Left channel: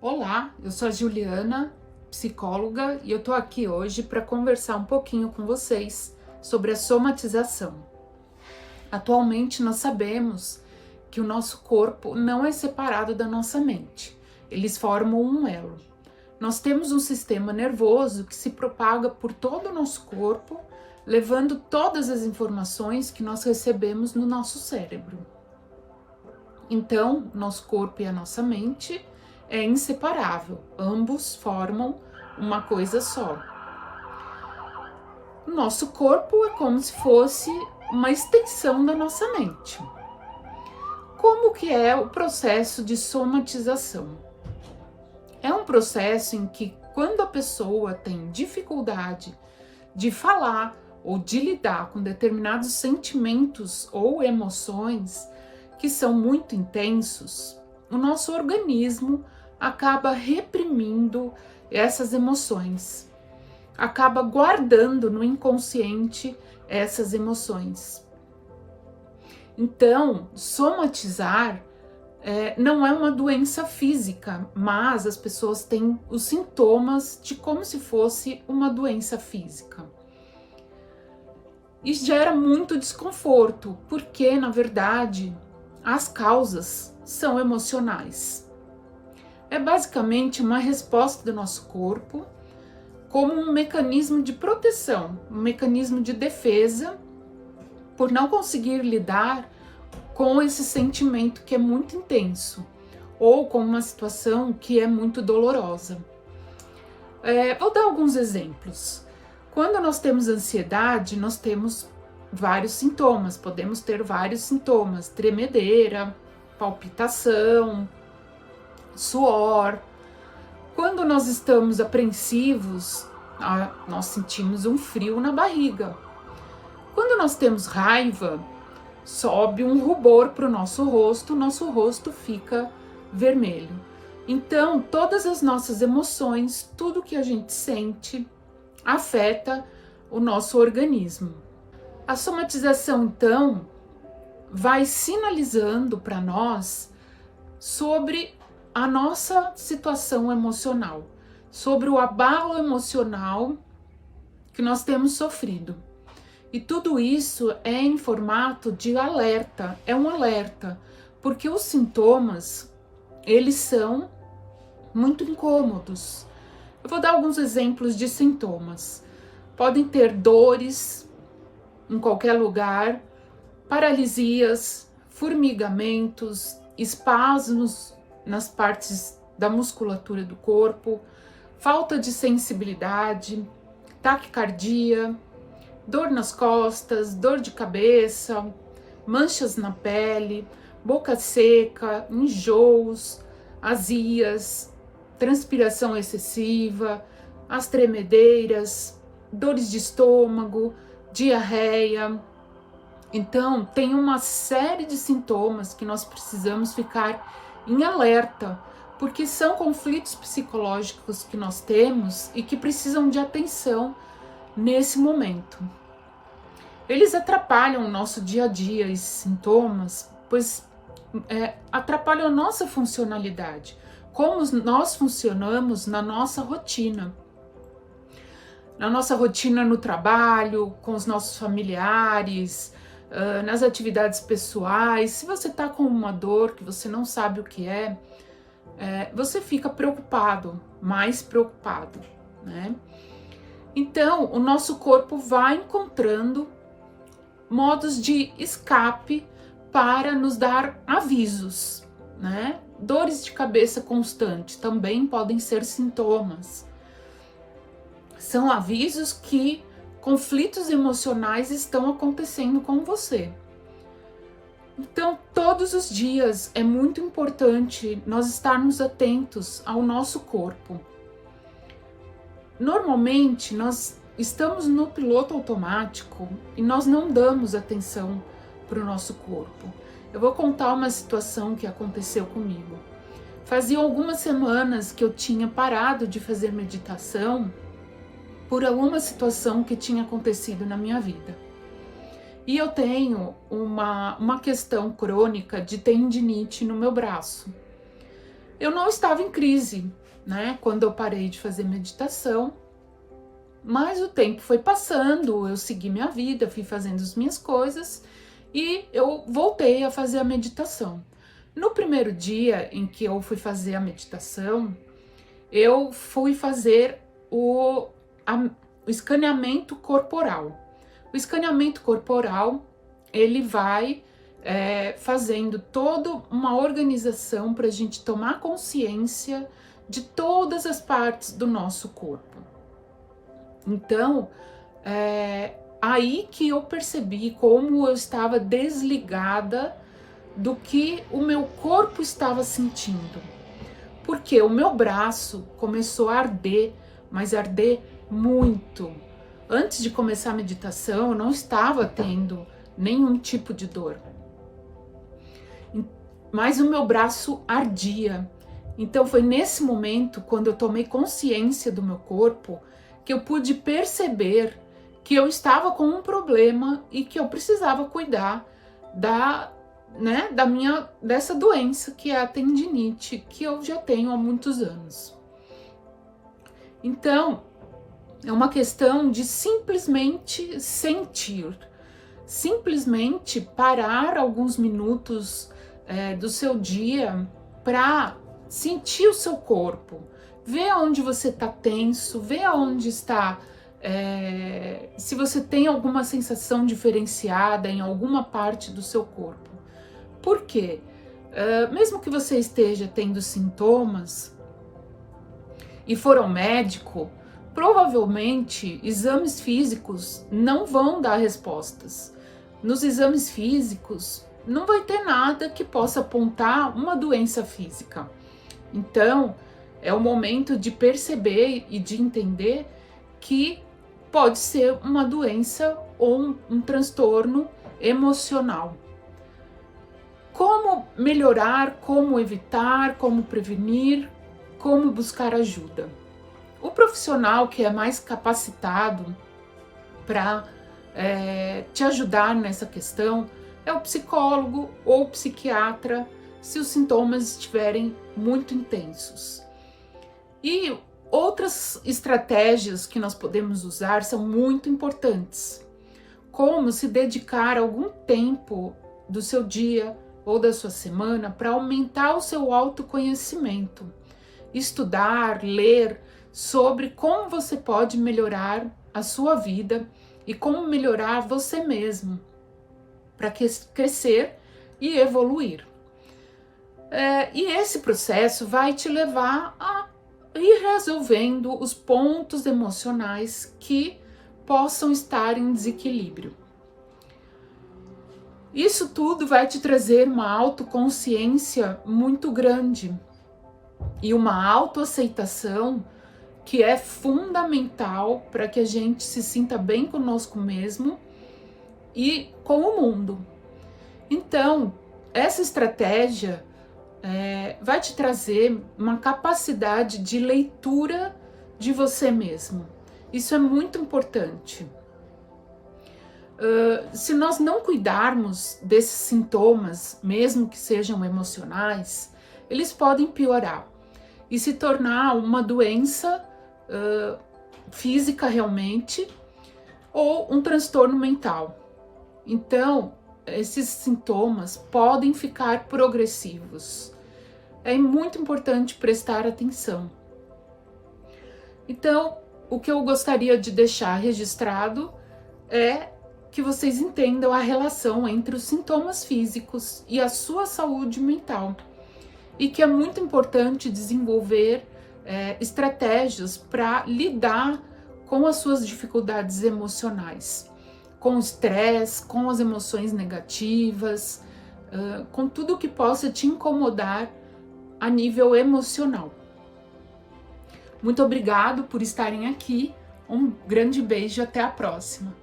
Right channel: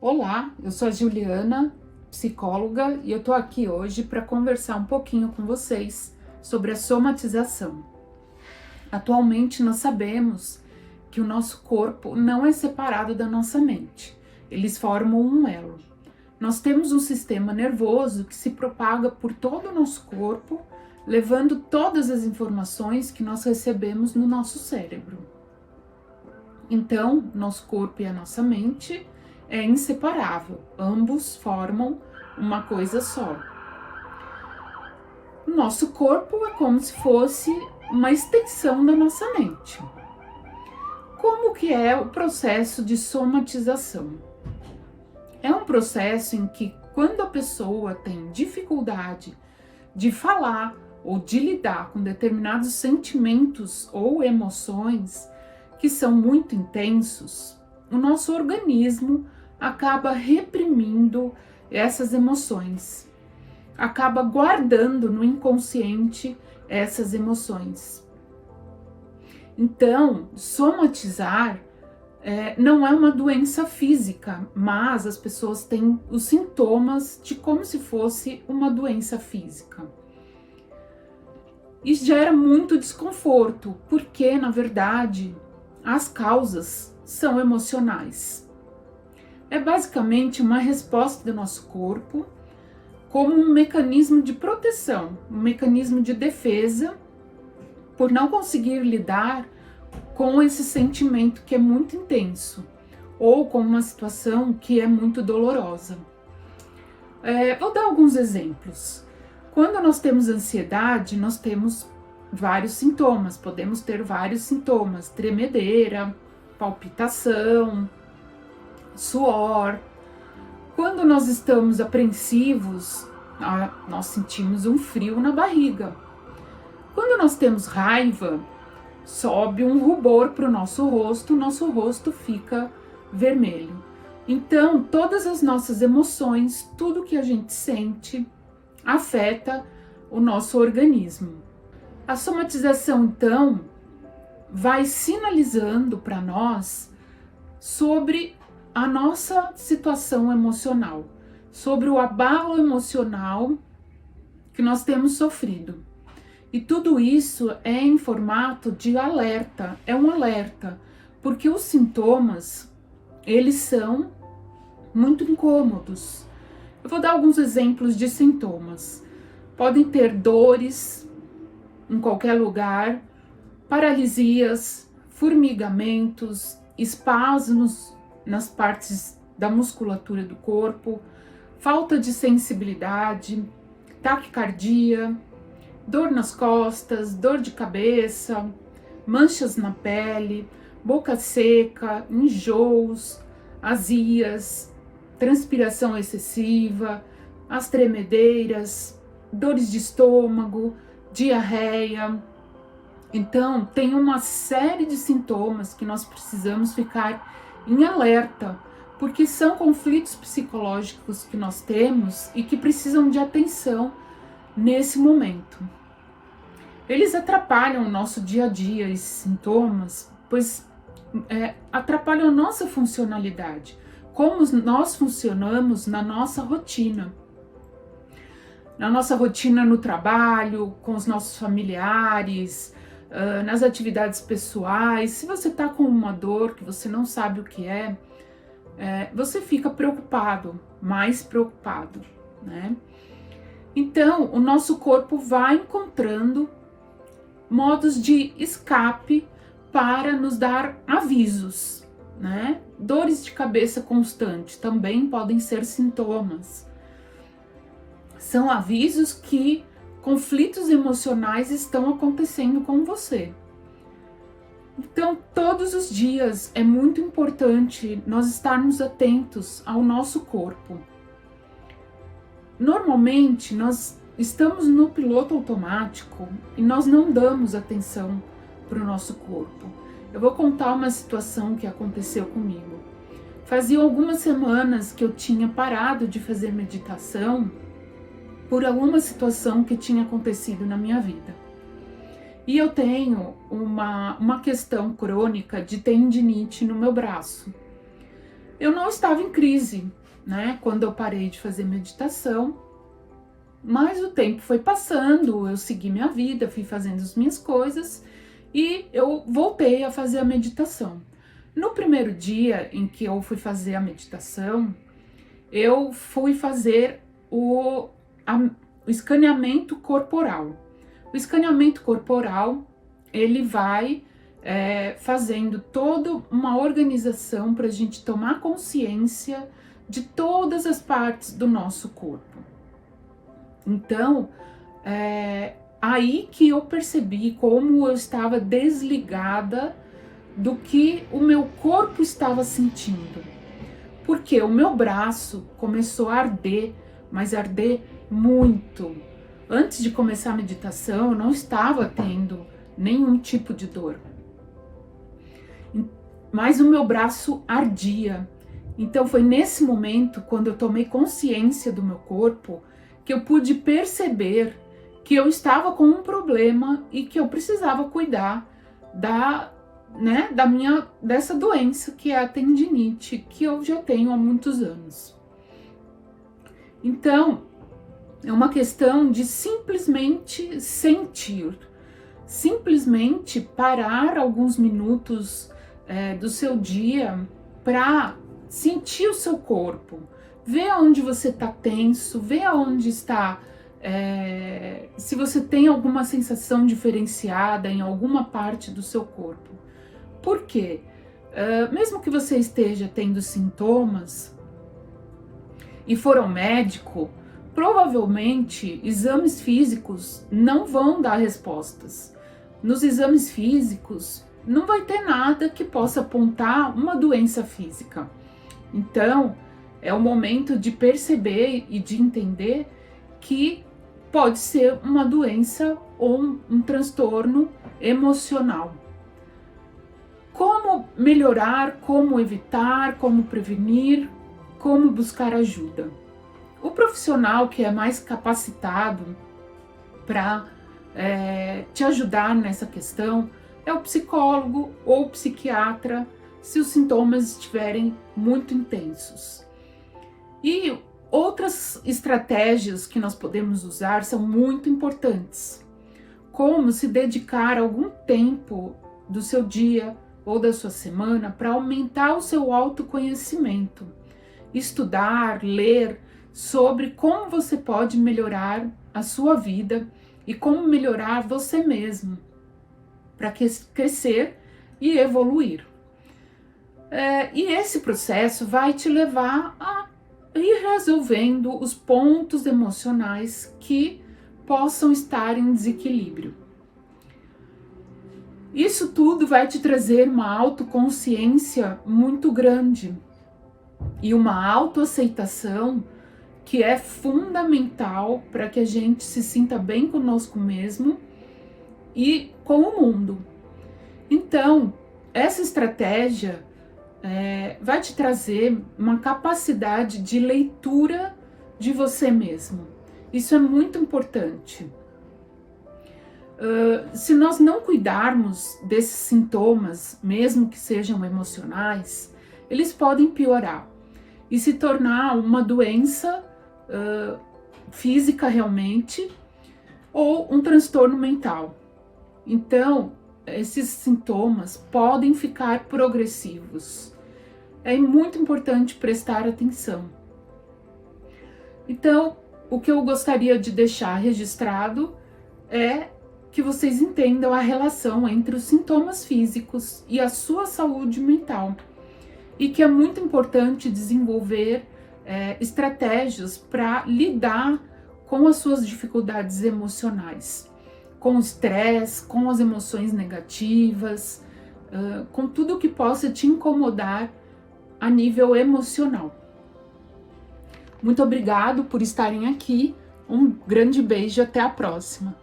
Olá, eu sou a Juliana, psicóloga, e eu tô aqui hoje para conversar um pouquinho com vocês sobre a somatização. Atualmente nós sabemos que o nosso corpo não é separado da nossa mente, eles formam um elo. Nós temos um sistema nervoso que se propaga por todo o nosso corpo, levando todas as informações que nós recebemos no nosso cérebro. Então, nosso corpo e a nossa mente é inseparável, ambos formam uma coisa só. O nosso corpo é como se fosse uma extensão da nossa mente. Como que é o processo de somatização? É um processo em que, quando a pessoa tem dificuldade de falar ou de lidar com determinados sentimentos ou emoções que são muito intensos, o nosso organismo acaba reprimindo essas emoções, acaba guardando no inconsciente essas emoções. Então, somatizar não é uma doença física, mas as pessoas têm os sintomas de como se fosse uma doença física. E gera muito desconforto, porque, na verdade, as causas são emocionais. É basicamente uma resposta do nosso corpo como um mecanismo de proteção, um mecanismo de defesa por não conseguir lidar com esse sentimento que é muito intenso ou com uma situação que é muito dolorosa. Vou dar alguns exemplos. Quando nós temos ansiedade, nós temos vários sintomas, podemos ter vários sintomas: tremedeira, palpitação, suor. Quando nós estamos apreensivos, nós sentimos um frio na barriga. Quando nós temos raiva, sobe um rubor para o nosso rosto fica vermelho. Então, todas as nossas emoções, tudo que a gente sente, afeta o nosso organismo. A somatização, então, vai sinalizando para nós sobre a nossa situação emocional, sobre o abalo emocional que nós temos sofrido. E tudo isso é em formato de alerta, é um alerta, porque os sintomas, eles são muito incômodos. Eu vou dar alguns exemplos de sintomas. Podem ter dores em qualquer lugar, paralisias, formigamentos, espasmos nas partes da musculatura do corpo, falta de sensibilidade, taquicardia, dor nas costas, dor de cabeça, manchas na pele, boca seca, enjoos, azias, transpiração excessiva, as tremedeiras, dores de estômago, diarreia. Então, tem uma série de sintomas que nós precisamos ficar em alerta, porque são conflitos psicológicos que nós temos e que precisam de atenção nesse momento. Eles atrapalham o nosso dia a dia, esses sintomas, pois atrapalham a nossa funcionalidade, como nós funcionamos na nossa rotina. Na nossa rotina no trabalho, com os nossos familiares, nas atividades pessoais. Se você está com uma dor que você não sabe o que você fica preocupado, mais preocupado, né? Então, o nosso corpo vai encontrando modos de escape para nos dar avisos, né? Dores de cabeça constante também podem ser sintomas. São avisos que conflitos emocionais estão acontecendo com você. Então, todos os dias é muito importante nós estarmos atentos ao nosso corpo. Normalmente, nós estamos no piloto automático e nós não damos atenção para o nosso corpo. Eu vou contar uma situação que aconteceu comigo. Fazia algumas semanas que eu tinha parado de fazer meditação por alguma situação que tinha acontecido na minha vida. E eu tenho uma questão crônica de tendinite no meu braço. Eu não estava em crise, né, quando eu parei de fazer meditação, mas o tempo foi passando, eu segui minha vida, fui fazendo as minhas coisas e eu voltei a fazer a meditação. No primeiro dia em que eu fui fazer a meditação, eu fui fazer o escaneamento corporal. O escaneamento corporal, ele vai fazendo toda uma organização para a gente tomar consciência de todas as partes do nosso corpo. Então, aí que eu percebi como eu estava desligada do que o meu corpo estava sentindo. Porque o meu braço começou a arder, mas arder muito. Antes de começar a meditação, eu não estava tendo nenhum tipo de dor. Mas o meu braço ardia. Então foi nesse momento, quando eu tomei consciência do meu corpo, que eu pude perceber que eu estava com um problema e que eu precisava cuidar dessa doença, que é a tendinite, que eu já tenho há muitos anos. Então, é uma questão de simplesmente sentir, simplesmente parar alguns minutos do seu dia para sentir o seu corpo, ver onde você está tenso, ver onde está, se você tem alguma sensação diferenciada em alguma parte do seu corpo. Por quê? Mesmo que você esteja tendo sintomas e for ao médico, provavelmente exames físicos não vão dar respostas. Nos exames físicos não vai ter nada que possa apontar uma doença física. Então, é o momento de perceber e de entender que pode ser uma doença ou um transtorno emocional. Como melhorar, como evitar, como prevenir, como buscar ajuda? O profissional que é mais capacitado para te ajudar nessa questão é o psicólogo ou o psiquiatra, se os sintomas estiverem muito intensos. E outras estratégias que nós podemos usar são muito importantes, como se dedicar algum tempo do seu dia ou da sua semana para aumentar o seu autoconhecimento, estudar, ler sobre como você pode melhorar a sua vida e como melhorar você mesmo para crescer e evoluir. E esse processo vai te levar a ir resolvendo os pontos emocionais que possam estar em desequilíbrio. Isso tudo vai te trazer uma autoconsciência muito grande e uma autoaceitação que é fundamental para que a gente se sinta bem conosco mesmo e com o mundo. Então, essa estratégia vai te trazer uma capacidade de leitura de você mesmo. Isso é muito importante. Se nós não cuidarmos desses sintomas, mesmo que sejam emocionais, eles podem piorar e se tornar uma doença física realmente ou um transtorno mental. Então, esses sintomas podem ficar progressivos. É muito importante prestar atenção. Então, o que eu gostaria de deixar registrado é que vocês entendam a relação entre os sintomas físicos e a sua saúde mental. E que é muito importante desenvolver estratégias para lidar com as suas dificuldades emocionais, com o estresse, com as emoções negativas, com tudo que possa te incomodar a nível emocional. Muito obrigado por estarem aqui, um grande beijo, até a próxima.